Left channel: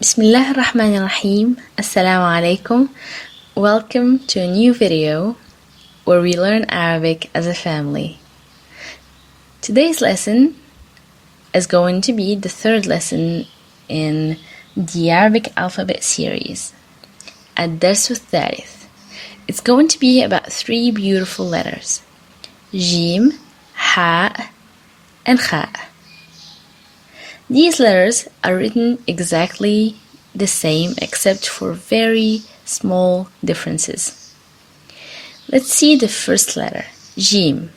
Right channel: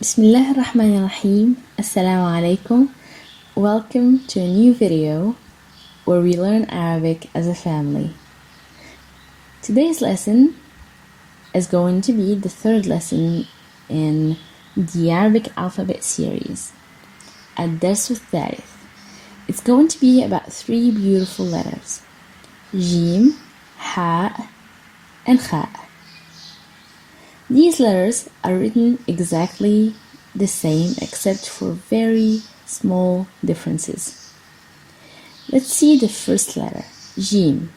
Bismillah ar-Rahman ar-Rahim. Assalamu alaikum. Welcome to a new video where we learn Arabic as a family. Today's lesson is going to be the third lesson in the Arabic alphabet series. الدرس الثالث. It's going to be about three beautiful letters. Jeem, Ha, and Khaa. These letters are written exactly the same except for very small differences. Let's see the first letter, Jeem.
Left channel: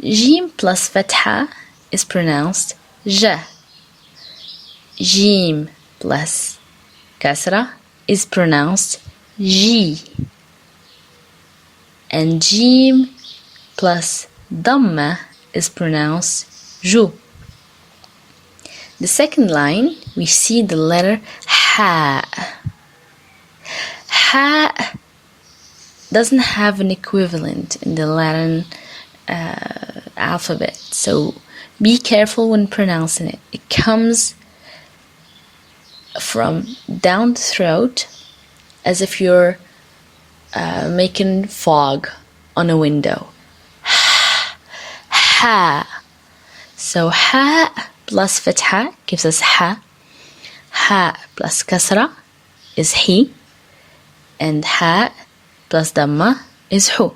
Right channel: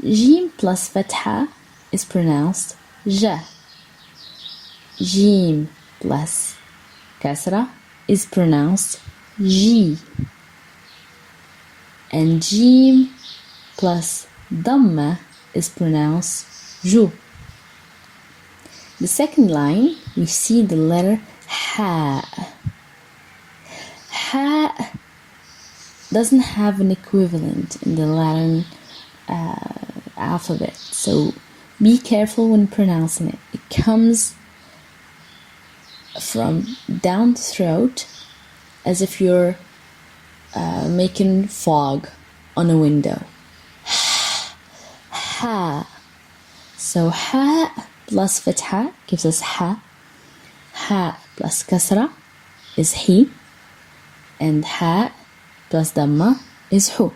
Jeem plus fatha is pronounced Ja. Jeem plus kasra is pronounced Ji. And Jeem plus Dhamma is pronounced Ju. The second line, we see the letter Ha. Ha doesn't have an equivalent in the Latin alphabet, so be careful when pronouncing it. It comes from down the throat as if you're making fog on a window. Ha. So Ha plus fatha gives us Ha. Ha plus kasra is He. And Ha plus Dhamma is Hu.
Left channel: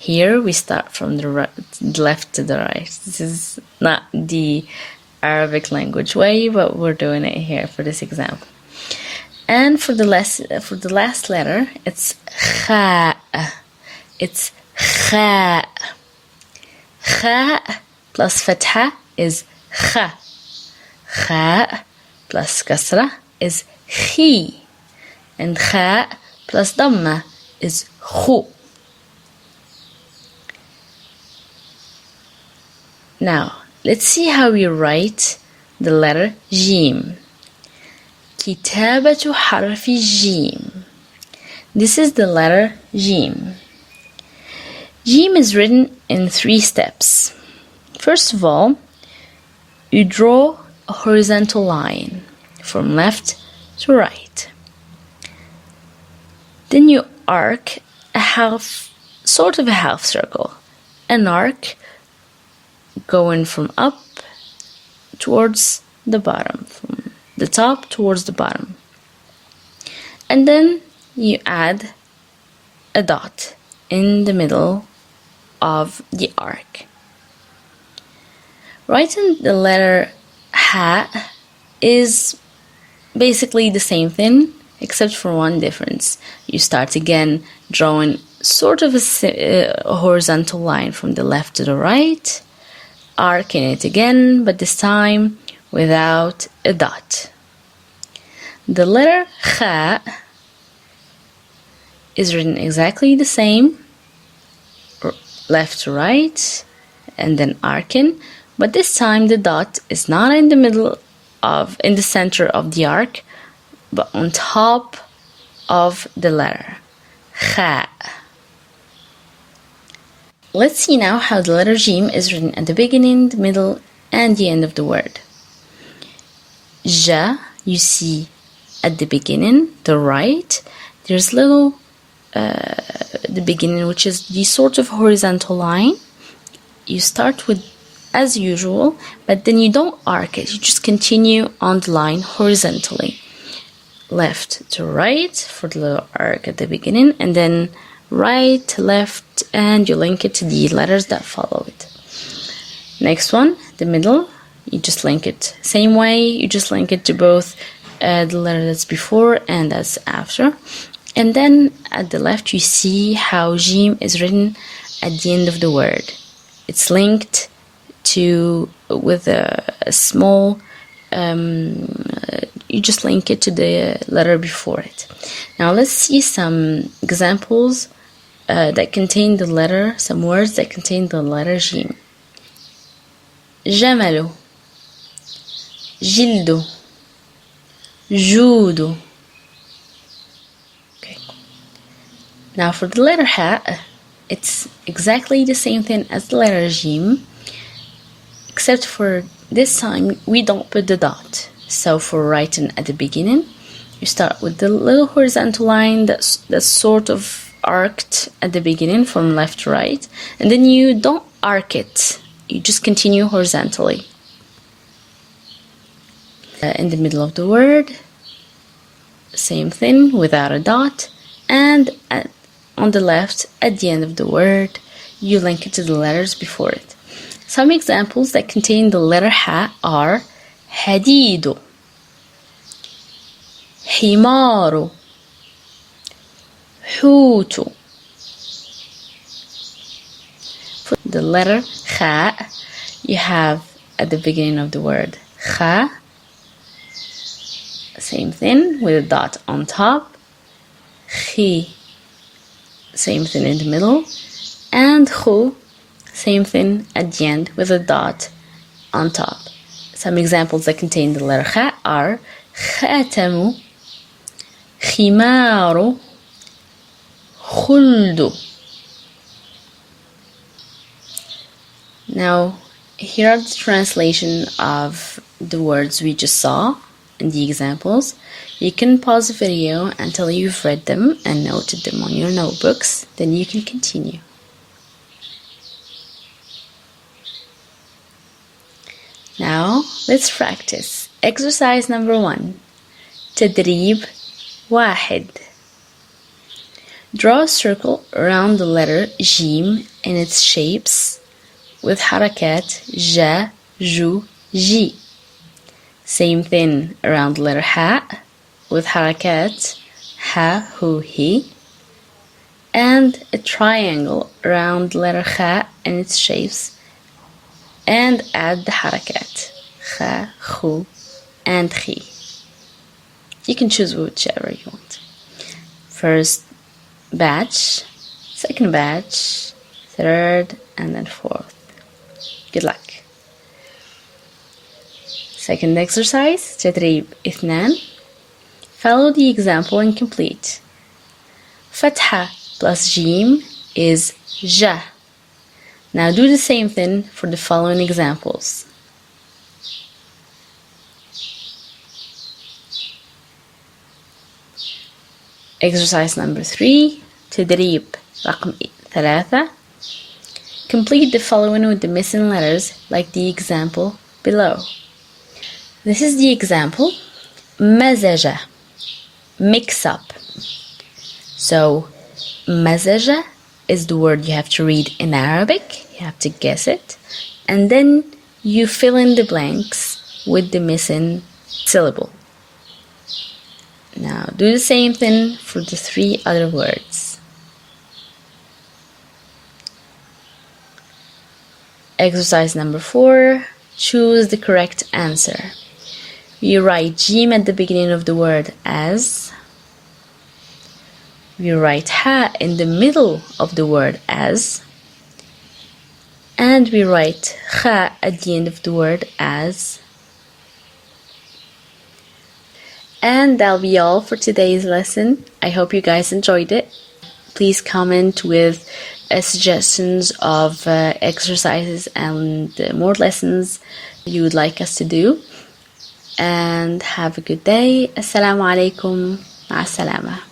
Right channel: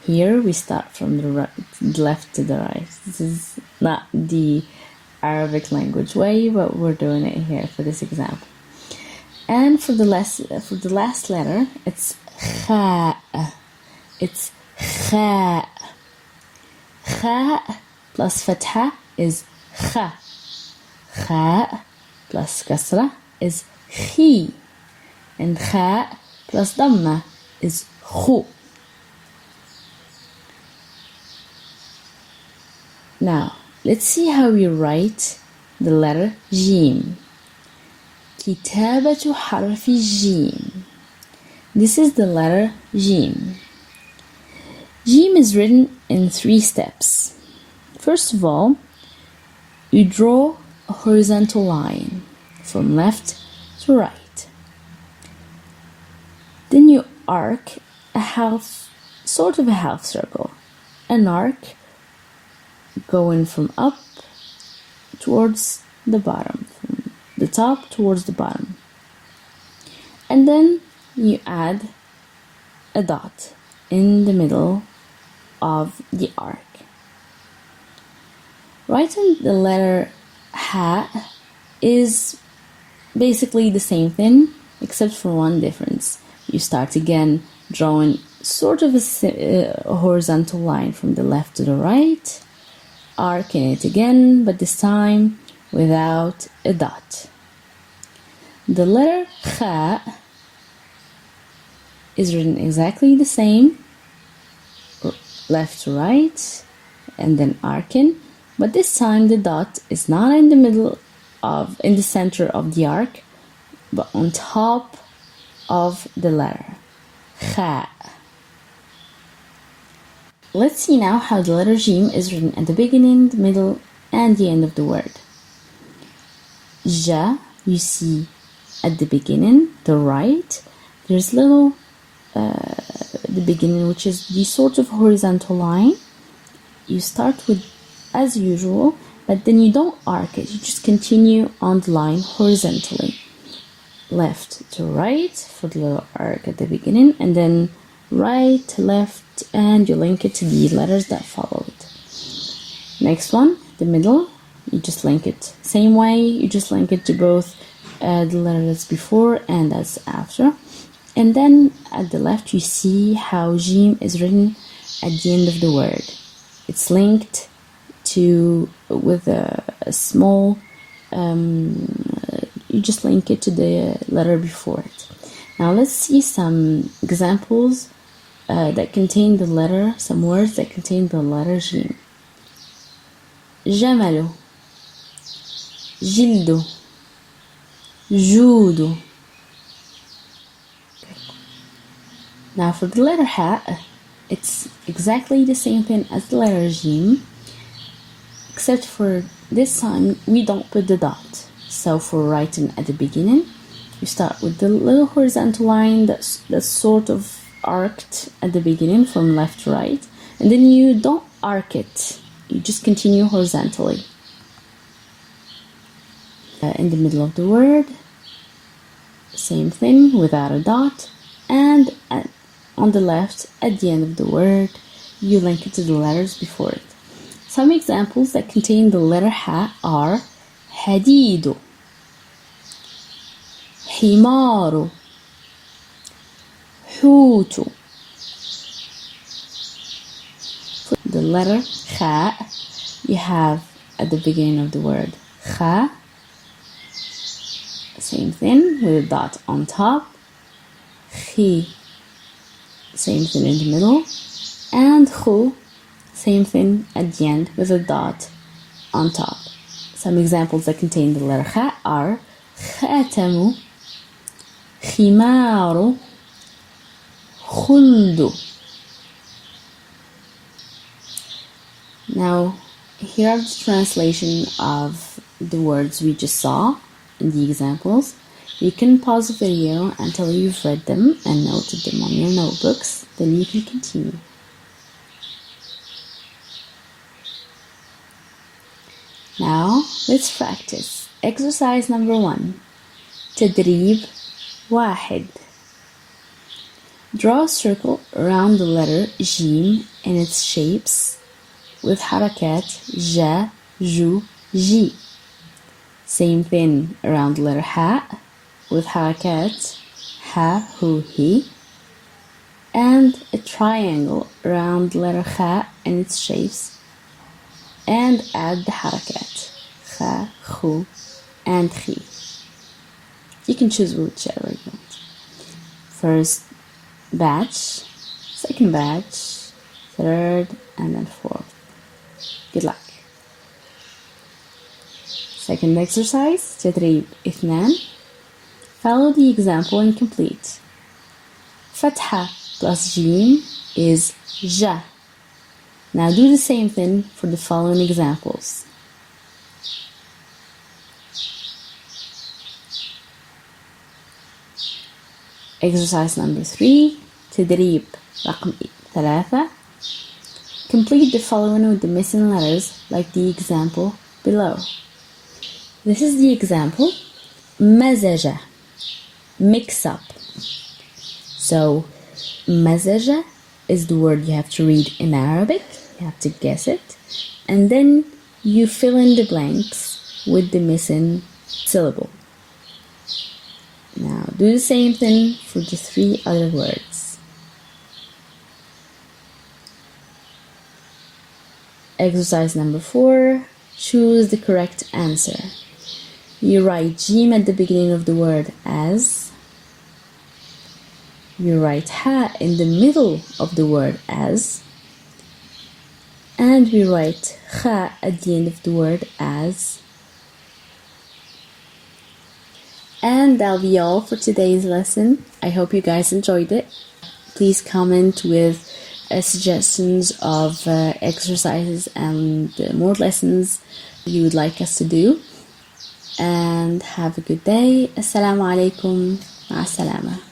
Here we start from the left to the right. This is not the Arabic language way, but we're doing it here for this example. And for the last letter, it's Khaa. It's Khaa. Khaa plus fatha is Kha. Khaa plus kasra is Khi. And Khaa plus Dhamma is Khu. Now, let's see how we write the letter Jeem. كتابة حرف الجيم. This is the letter Jeem. Jeem is written in 3 steps. First of all, you draw a horizontal line from left to right. Then you arc sort of a half circle, an arc going from up towards the bottom, from the top towards the bottom. And then you add a dot in the middle of the arc. Writing the letter Ha is basically the same thing, except for one difference. You start again drawing sort of a horizontal line from the left to the right, arcing it again, but this time without a dot. The letter Khaa is written exactly the same, left to right, and then arcing. But this time the dot is not in the center of the arc, but on top of the letter Khaa. Let's see now how the letter Jeem is written at the beginning, the middle, and the end of the word. Ja, you see at the beginning, the right, there's little the beginning, which is the sort of horizontal line. You start with as usual, but then you don't arc it, you just continue on the line horizontally. Left to right for the little arc at the beginning, and then right to left, and you link it to the letters that follow it. Next one, the middle, you just link it same way, you just link it to both the letter that's before and that's after. And then at the left you see how Jeem is written at the end of the word. It's linked with a small, you just link it to the letter before it. Now let's see some examples that contain the letter, some words that contain the letter Jeem. جمل, جلد, جود. Okay. Now for the letter Ha, it's exactly the same thing as the letter Jeem, except for this time we don't put the dot. So for writing at the beginning, You start with the little horizontal line that's sort of arced at the beginning from left to right, and then you don't arc it, you just continue horizontally. In the middle of the word, same thing without a dot, and on the left at the end of the word you link it to the letters before it. Some examples that contain the letter ha are حديد, حمار, حوت. For the letter Khaa, you have at the beginning of the word Khaa, same thing with a dot on top, Khi, same thing in the middle, and Khu, same thing at the end with a dot on top. Some examples that contain the letter Khaa are خاتم, خمار, خلد. Now, here are the translation of the words we just saw in the examples. You can pause the video until you've read them and noted them on your notebooks, then you can continue. Now, let's practice. Exercise number 1. تدريب 1. Draw a circle around the letter Jeem and its shapes with حركات جا, جو, جي. Same thing around the letter Ha with حركات Ha, Hu, He. And a triangle around the letter Kha and its shapes, and add the حركات Kha, Khu, and Khi. You can choose whichever you want. First batch, second batch, third, and then fourth. Good luck. Second exercise, تدريب 2. Follow the example and complete. Fatha plus Jeem is Ja. Now do the same thing for the following examples. Exercise number 3, تدريب رقم 3. Complete the following with the missing letters like the example below. This is the example. مزج, mix up. So مزج is the word you have to read in Arabic. You have to guess it. And then you fill in the blanks with the missing syllable. Now do the same thing for the 3 other words. Exercise number 4. Choose the correct answer. We write Jeem at the beginning of the word as. We write Ha in the middle of the word as. And we write Kha at the end of the word as. And that'll be all for today's lesson. I hope you guys enjoyed it. Please comment with suggestions of exercises and more lessons you would like us to do. And have a good day. Assalamu alaikum. Ma salama.